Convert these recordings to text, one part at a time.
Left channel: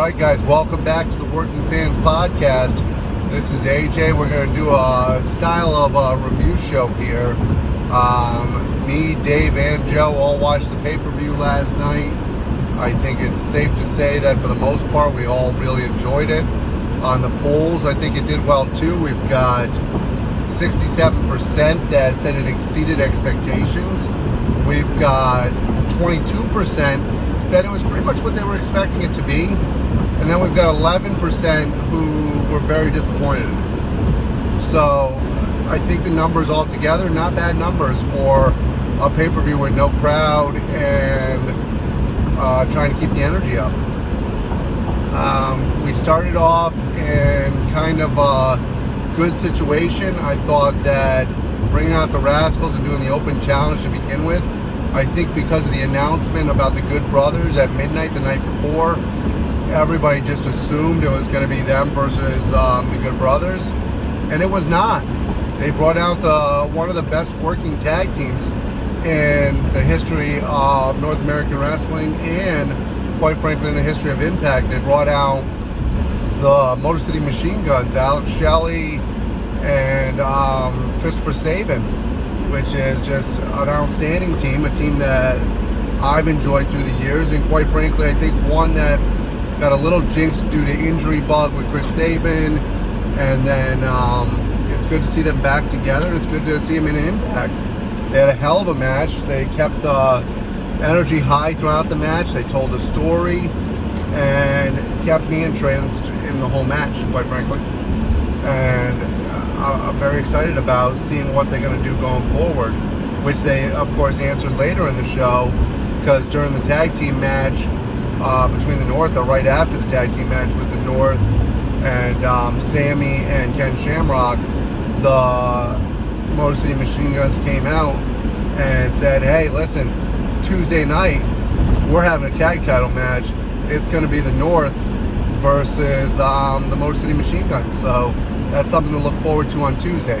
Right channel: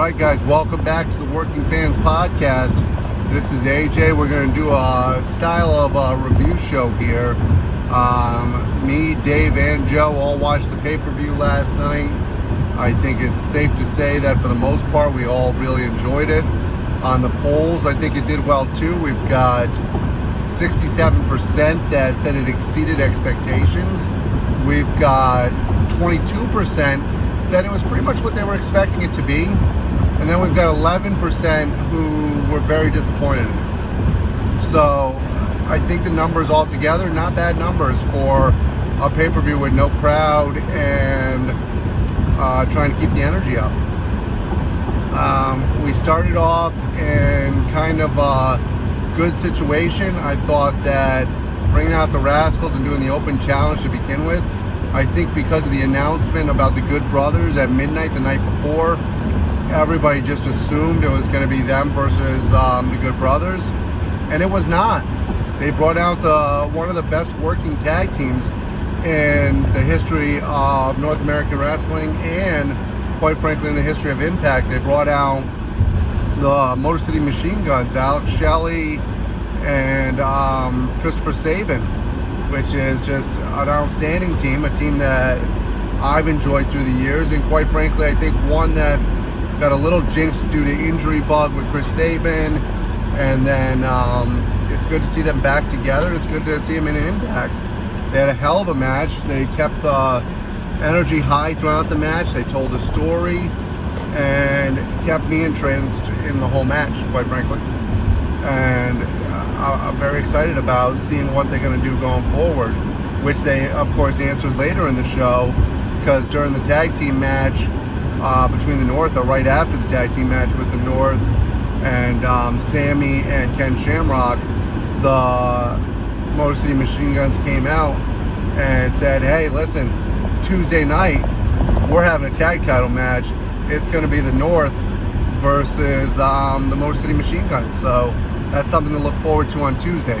Alright guys, welcome back to the Working Fans Podcast. This is AJ. We're going to do a style of a review show here. Me, Dave, and Joe all watched the pay-per-view last night. I think it's safe to say that for the most part we all really enjoyed it. On the polls, I think it did well too. We've got 67% that said it exceeded expectations. We've got 22% said it was pretty much what they were expecting it to be. And then we've got 11% who were very disappointed. So I think the numbers altogether, not bad numbers for a pay-per-view with no crowd and trying to keep the energy up. We started off in kind of a good situation. I thought that bringing out the Rascals and doing the open challenge to begin with, I think because of the announcement about the Good Brothers at midnight the night before, everybody just assumed it was going to be them versus the Good Brothers, and it was not. They brought out one of the best working tag teams in the history of North American Wrestling and, quite frankly, in the history of Impact. They brought out the Motor City Machine Guns, Alex Shelley and Christopher Sabin, which is just an outstanding team, a team that I've enjoyed through the years, and quite frankly, I think one that got a little jinxed due to injury bug with Chris Sabin, and then it's good to see them back together. It's good to see them in Impact. They had a hell of a match. They kept the energy high throughout the match. They told the story and kept me entranced in the whole match, quite frankly. And I'm very excited about seeing what they're going to do going forward, which they, of course, answered later in the show, because during the tag team match between the North, or right after the tag team match with the North and Sammy and Ken Shamrock, the Motor City Machine Guns came out and said, hey, listen, Tuesday night, we're having a tag title match. It's going to be the North versus the Motor City Machine Guns. So that's something to look forward to on Tuesday.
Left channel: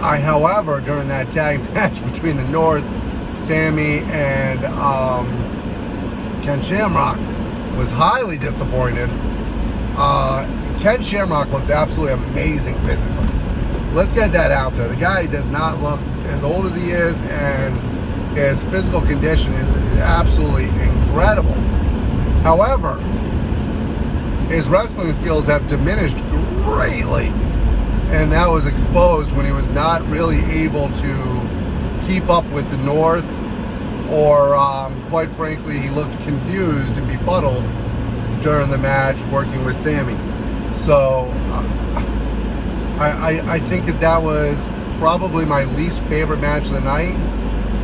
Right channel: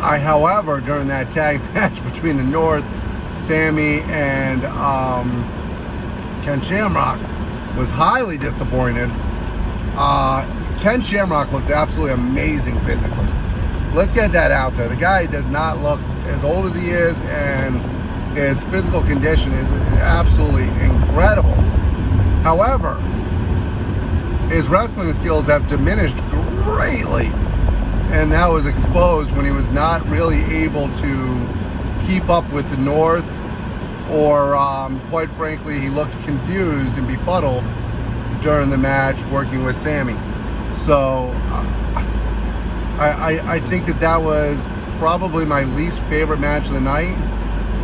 However, during that tag match between the North, Sammy and Ken Shamrock, was highly disappointed. Ken Shamrock looks absolutely amazing physically. Let's get that out there. The guy does not look as old as he is, and his physical condition is absolutely incredible. However, his wrestling skills have diminished greatly, and that was exposed when he was not really able to keep up with the North, or quite frankly, he looked confused and befuddled during the match working with Sammy. So I think that was probably my least favorite match of the night,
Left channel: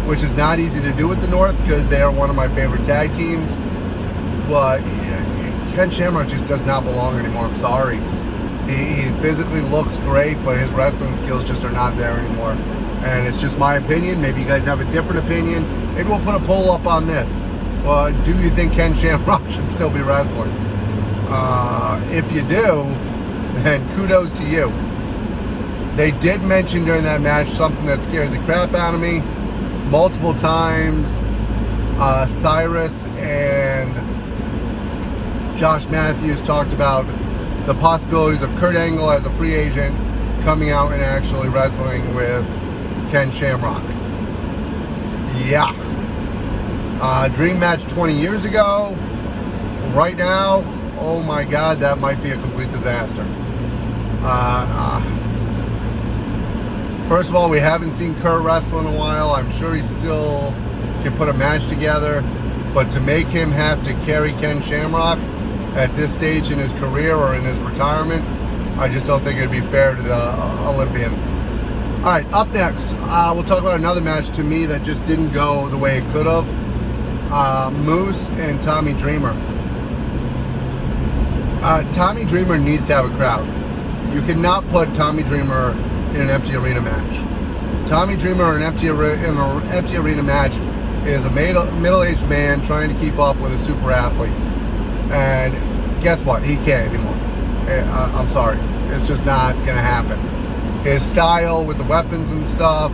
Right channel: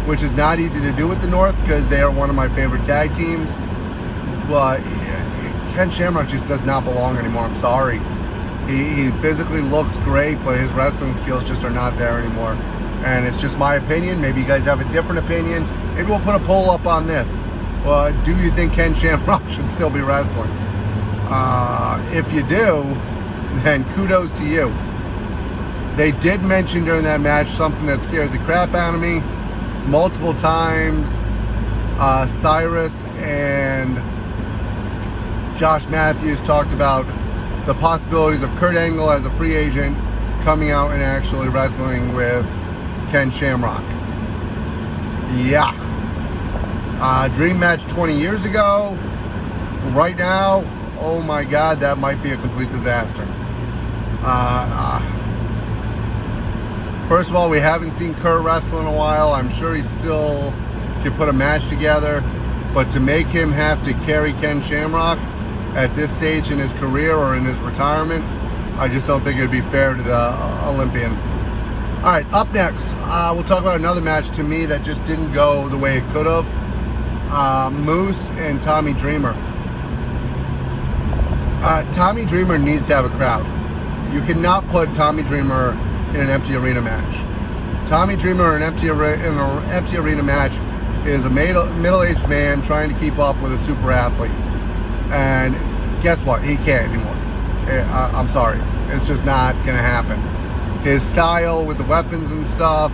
which is not easy to do with the North because they are one of my favorite tag teams. But Ken Shamrock just does not belong anymore. I'm sorry. He physically looks great, but his wrestling skills just are not there anymore. And it's just my opinion. Maybe you guys have a different opinion. Maybe we'll put a poll up on this. Do you think Ken Shamrock should still be wrestling? If you do, then kudos to you. They did mention during that match something that scared the crap out of me multiple times. Cyrus and Josh Matthews talked about the possibilities of Kurt Angle as a free agent coming out and actually wrestling with Ken Shamrock. Yeah. Dream match 20 years ago. Right now, oh my God, that might be a complete disaster. First of all, we haven't seen Kurt wrestle in a while. I'm sure he still can put a match together, but to make him have to carry Ken Shamrock at this stage in his career or in his retirement, I just don't think it'd be fair to the Olympian. All right, up next, we'll talk about another match to me that just didn't go the way it could have. Moose and Tommy Dreamer. Tommy Dreamer needs to have a crowd. You cannot put Tommy Dreamer in an empty arena match. Tommy Dreamer in an empty arena match is a middle-aged man trying to keep up with a super athlete. And guess what? He can't anymore. I'm sorry. It's just not going to happen. His style with the weapons and stuff.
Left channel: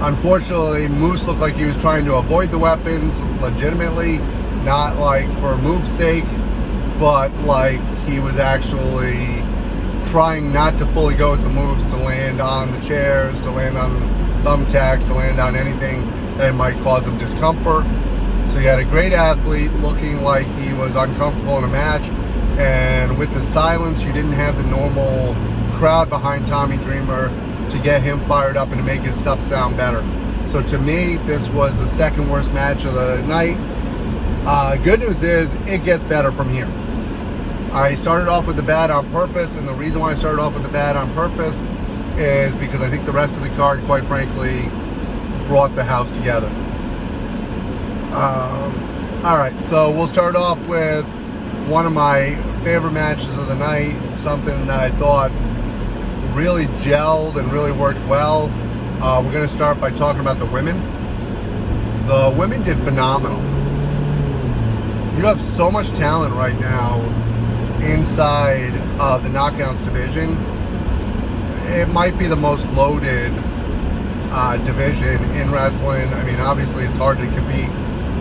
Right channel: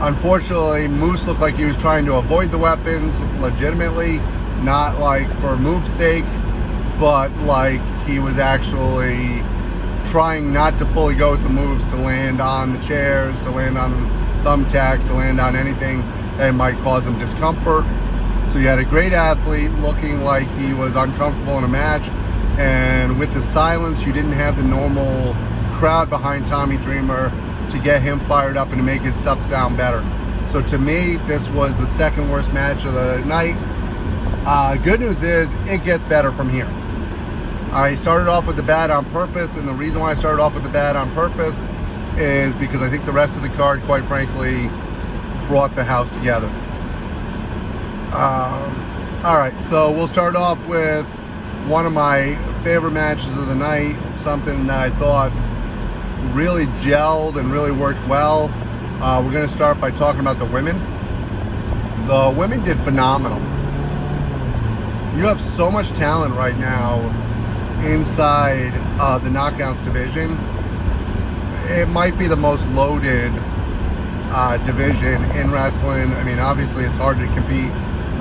Unfortunately, Moose looked like he was trying to avoid the weapons legitimately, not like for move's sake, but like he was actually trying not to fully go with the moves, to land on the chairs, to land on thumbtacks, to land on anything that might cause him discomfort. So you had a great athlete looking like he was uncomfortable in a match, and with the silence, you didn't have the normal crowd behind Tommy Dreamer to get him fired up and to make his stuff sound better. So to me, this was the second worst match of the night. Good news is, it gets better from here. I started off with the bad on purpose, and the reason why I started off with the bad on purpose is because I think the rest of the card, quite frankly, brought the house together. Alright, so we'll start off with one of my favorite matches of the night, something that I thought really gelled and really worked well. We're going to start by talking about the women. The women did phenomenal. You have so much talent right now inside the knockouts division. It might be the most loaded division in wrestling. I mean, obviously it's hard to compete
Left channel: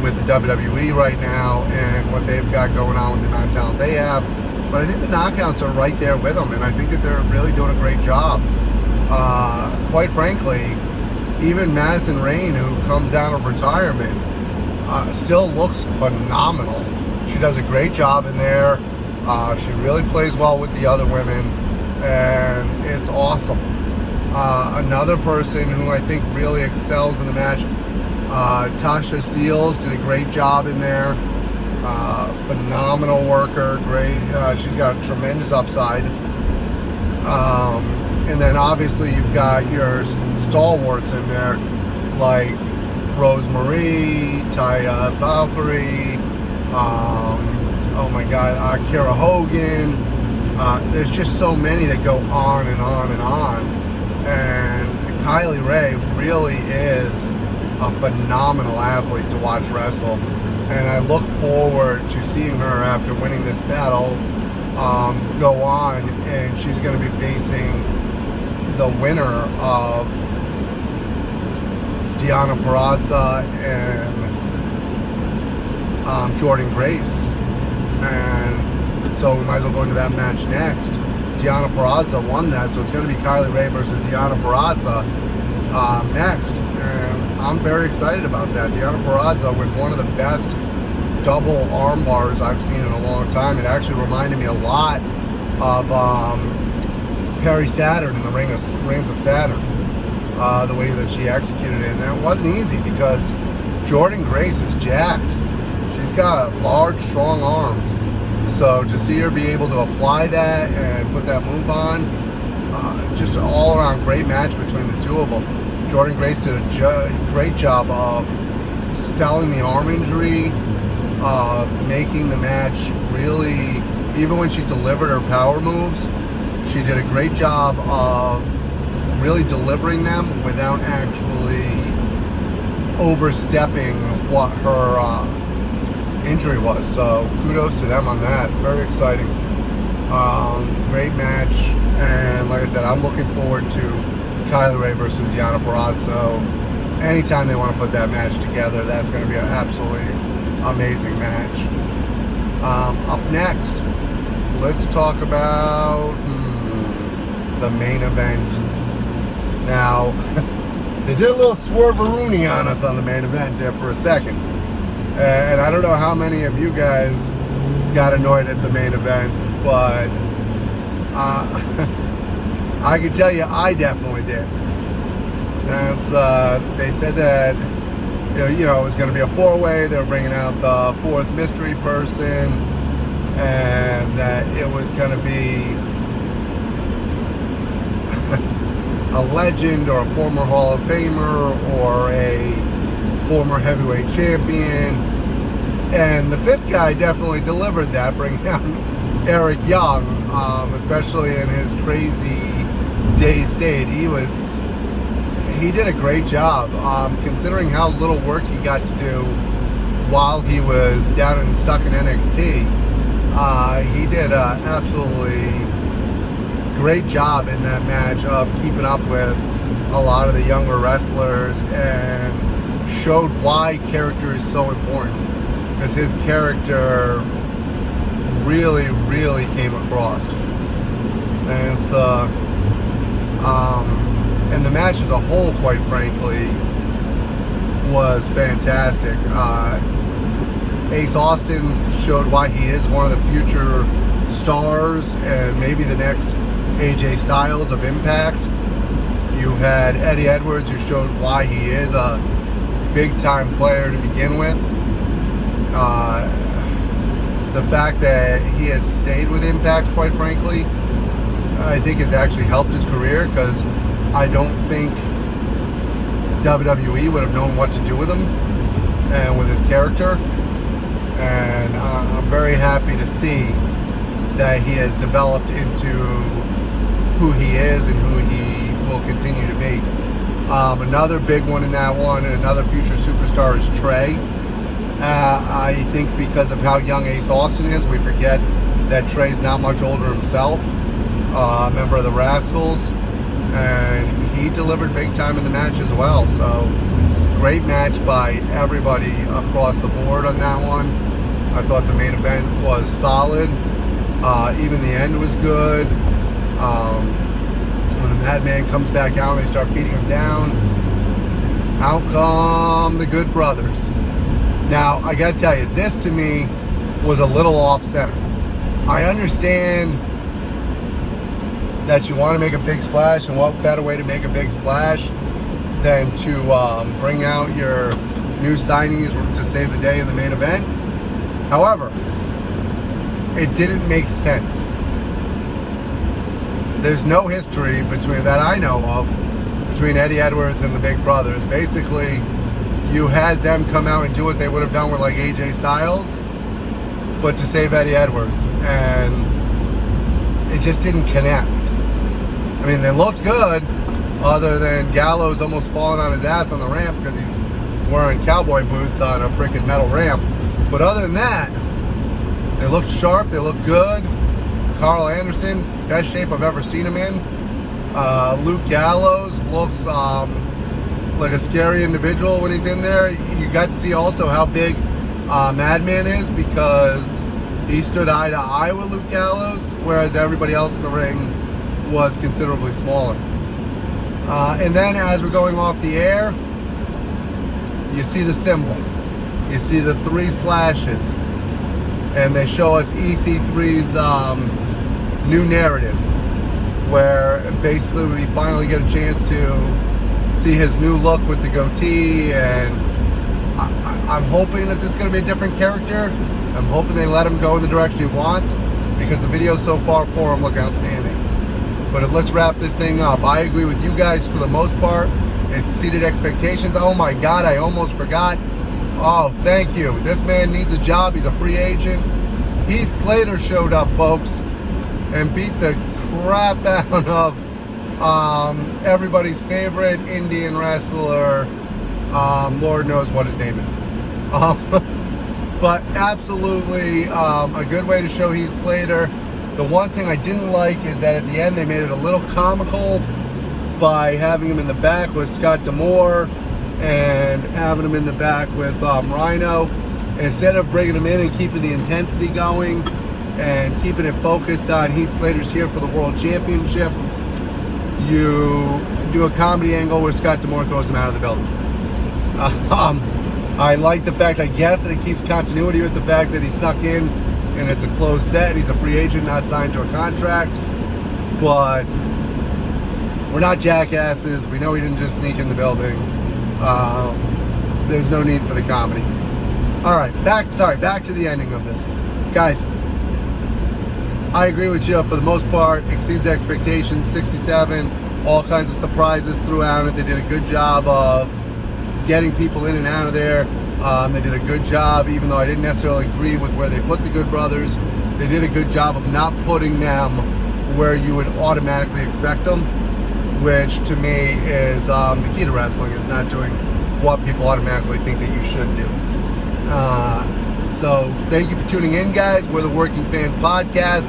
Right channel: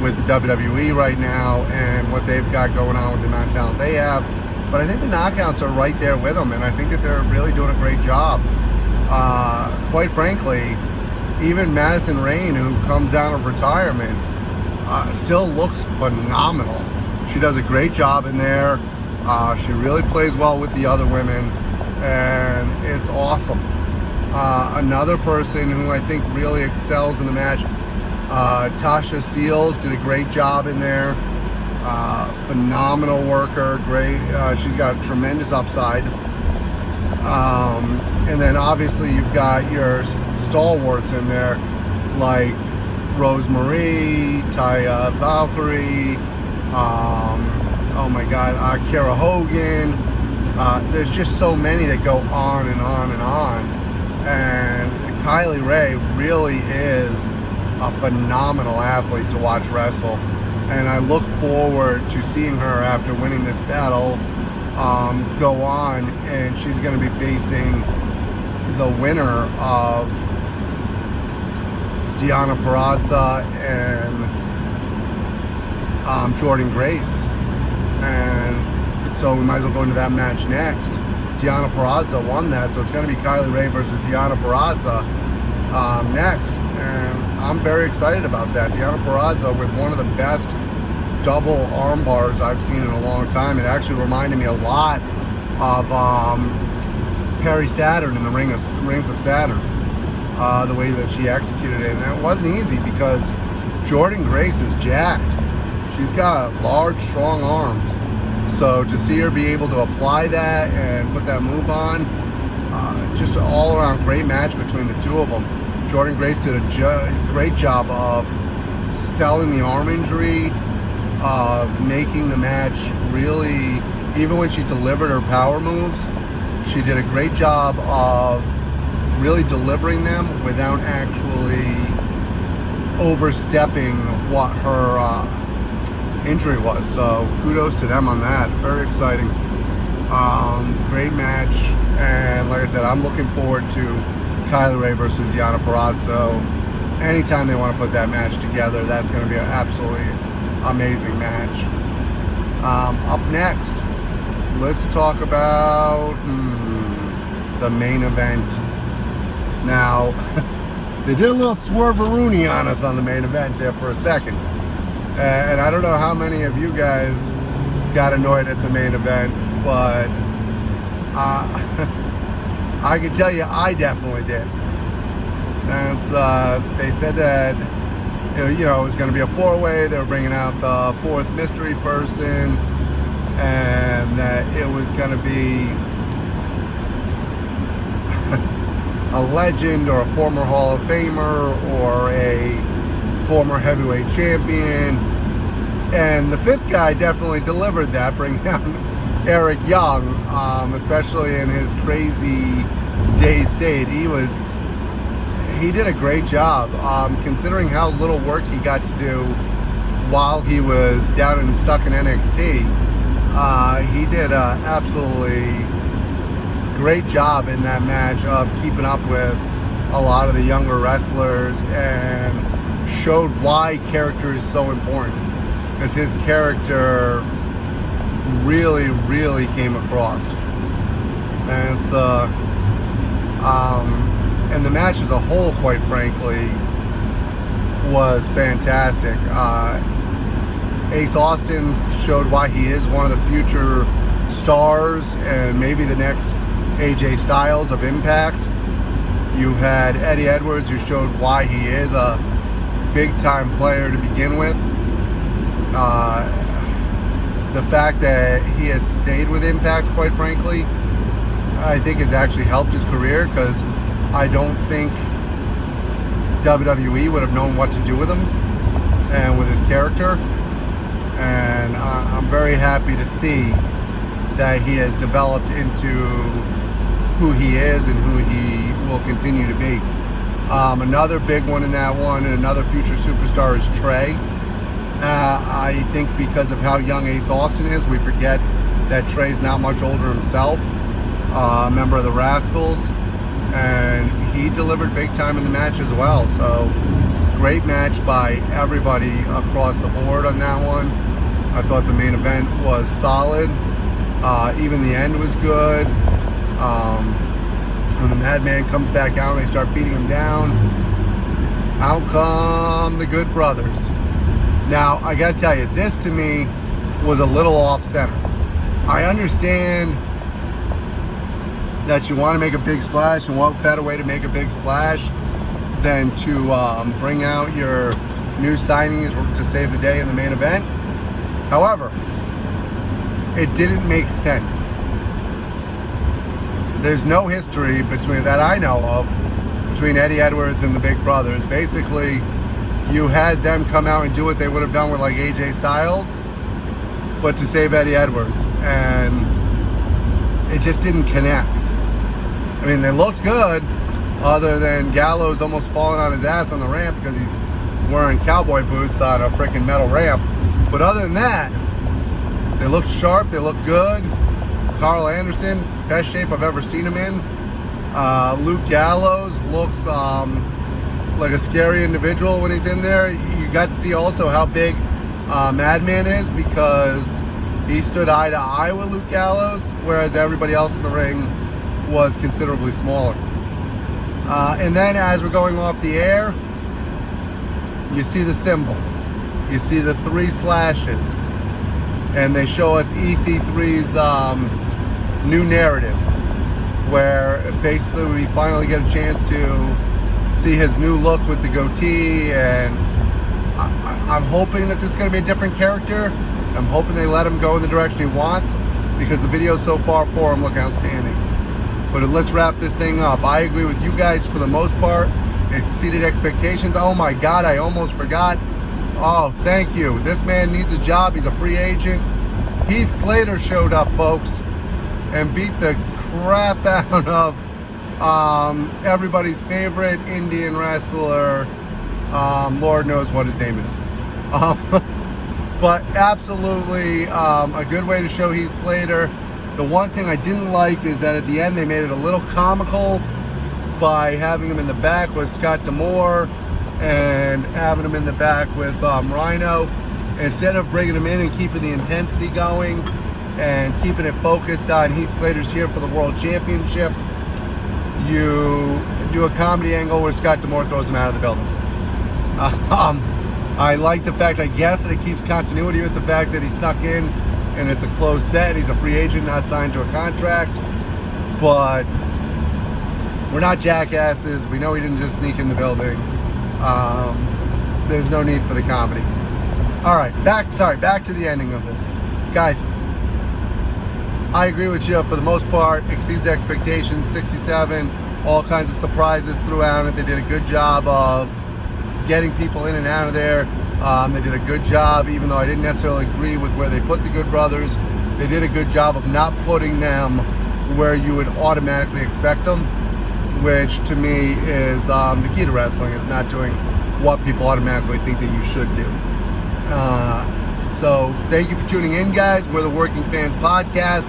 with the WWE right now and what they've got going on with the amount of talent they have, but I think the knockouts are right there with them, and I think that they're really doing a great job. Quite frankly, even Madison Rayne, who comes out of retirement, still looks phenomenal. She does a great job in there. She really plays well with the other women, and it's awesome. Another person who I think really excels in the match, Tasha Steeles, did a great job in there. Phenomenal worker, great. She's got a tremendous upside. And then obviously you've got your stalwarts in there, like Rosemary, Taya Valkyrie, oh my God, Kara Hogan. There's just so many that go on and on and on. And Kylie Ray really is a phenomenal athlete to watch wrestle. And I look forward to seeing her after winning this battle go on, and she's going to be facing the winner of Deonna Purrazzo and Jordynne Grace. And so we might as well go into that match next. Deonna Purrazzo won that, so it's going to be Kylie Ray versus Deonna Purrazzo next. And I'm very excited about that. Deonna Purrazzo with one of the best double arm bars I've seen in a long time. It actually reminded me a lot of Perry Saturn in the Rings of Saturn. The way that she executed it. And it wasn't easy because Jordynne Grace is jacked. She's got large, strong arms. So to see her be able to apply that and put that move on, just all around great match between the two of them. Jordynne Grace did a great job of selling the arm injury, of making the match really, even when she delivered her power moves, she did a great job of really delivering them without actually overstepping what her injury was. So kudos to them on that. Very exciting. Great match. And like I said, I'm looking forward to Kylie Ray versus Deonna Purrazzo. Anytime they want to put that match together, that's going to be an absolutely amazing match. Up next, let's talk about the main event. Now, they did a little swerve-a-rooney on us on the main event there for a second. And I don't know how many of you guys got annoyed at the main event, but I can tell you I definitely did. As they said that you know, it was going to be a four-way. They were bringing out the fourth mystery person, and that it was going to be a legend or a former Hall of Famer or a former heavyweight champion. And the fifth guy definitely delivered that, bringing out Eric Young, especially in his crazy day state. He did a great job, considering how little work he got to do while he was down and stuck in NXT. He did an absolutely great job in that match of keeping up with a lot of the younger wrestlers and showed why character is so important. because his character really, really came across. And so, and the match as a whole, quite frankly, was fantastic. Ace Austin showed why he is one of the future stars and maybe the next AJ Styles of Impact. You had Eddie Edwards, who showed why he is a big-time player to begin with. The fact that he has stayed with Impact, quite frankly, I think has actually helped his career, because I don't think WWE would have known what to do with him and with his character. And I'm very happy to see that he has developed into who he is and who he will continue to be. Another big one in that one, and another future superstar, is Trey. I think because of how young Ace Austin is, we forget that Trey's not much older himself, a member of the Rascals, and he delivered big time in the match as well. So great match by everybody across the board on that one. I thought the main event was solid. Even the end was good. When the Madman comes back out and they start beating him down, out come the Good Brothers. Now, I gotta tell you, this to me was a little off-center. I understand that you want to make a big splash, and what better way to make a big splash than to bring out your new signings to save the day in the main event. However, it didn't make sense. There's no history between that I know of between Eddie Edwards and the Big Brothers. Basically, you had them come out and do what they would have done with like AJ Styles, but to save Eddie Edwards, and it just didn't connect. I mean, they looked good, other than Gallows almost falling on his ass on the ramp because he's wearing cowboy boots on a freaking metal ramp. But other than that, they looked sharp, they looked good. Carl Anderson, best shape I've ever seen him in. Luke Gallows looks like a scary individual when he's in there. You got to see also how big Madman is, because he stood eye to eye with Luke Gallows, whereas everybody else in the ring was considerably smaller. And then as we're going off the air, you see the symbol. You see the 3 slashes. And they show us EC3's new narrative, where basically we finally get a chance to see his new look with the goatee, and I'm hoping that this is going to be a different character. I'm hoping they let him go in the direction he wants, because the videos so far for him look outstanding. But let's wrap this thing up. I agree with you guys for the most part. It exceeded expectations. Oh my God, I almost forgot. Oh, thank you. This man needs a job. He's a free agent. Heath Slater showed up, folks, and beat the crap out of everybody's favorite Indian wrestler. Lord knows what his name is. But absolutely a good way to show Heath Slater. The one thing I didn't like is that at the end they made it a little comical by having him in the back with Scott D'Amore and having him in the back with Rhino. Instead of bringing him in and keeping the intensity going and keeping it focused on Heath Slater's here for the World Championship, you do a comedy angle where Scott D'Amore throws him out of the building. I like the fact, I guess, that it keeps continuity with the fact that he snuck in and it's a closed set and he's a free agent, not signed to a contract. But we're not jackasses. We know he didn't just sneak in the building. There's no need for the comedy. All right, back to the ending of this. Guys, I agree with you for the most part. Exceeds expectations, 67. All kinds of surprises throughout it. They did a good job of getting people in and out of there. They did a good job, even though I didn't necessarily agree with where they put the Good Brothers. They did a good job of not putting them where you would automatically expect them, which to me is the key to wrestling, is not doing what people automatically think that you should do. So thank you for tuning in, guys. We're the Working Fans Podcast.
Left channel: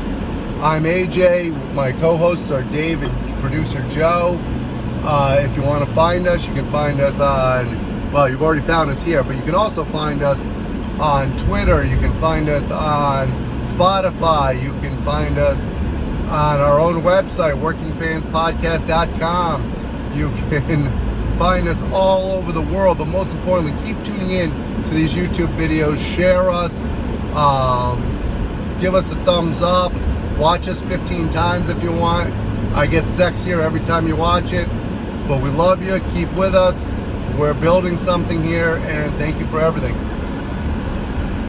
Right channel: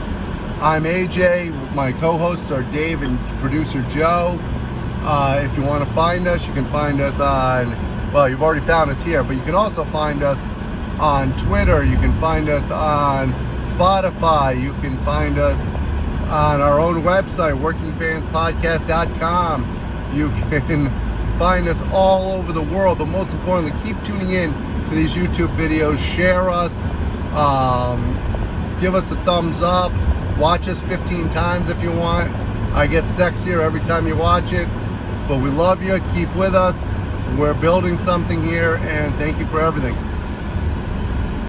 I'm AJ. My co-hosts are Dave and producer Joe. If you want to find us, you can find us on, well, you've already found us here, but you can also find us on Twitter. You can find us on Spotify. You can find us on our own website, workingfanspodcast.com. You can find us all over the world, but most importantly, keep tuning in to these YouTube videos. Share us, give us a thumbs up, watch us 15 times if you want. I get sexier every time you watch it, but we love you. Keep with us. We're building something here, and thank you for everything.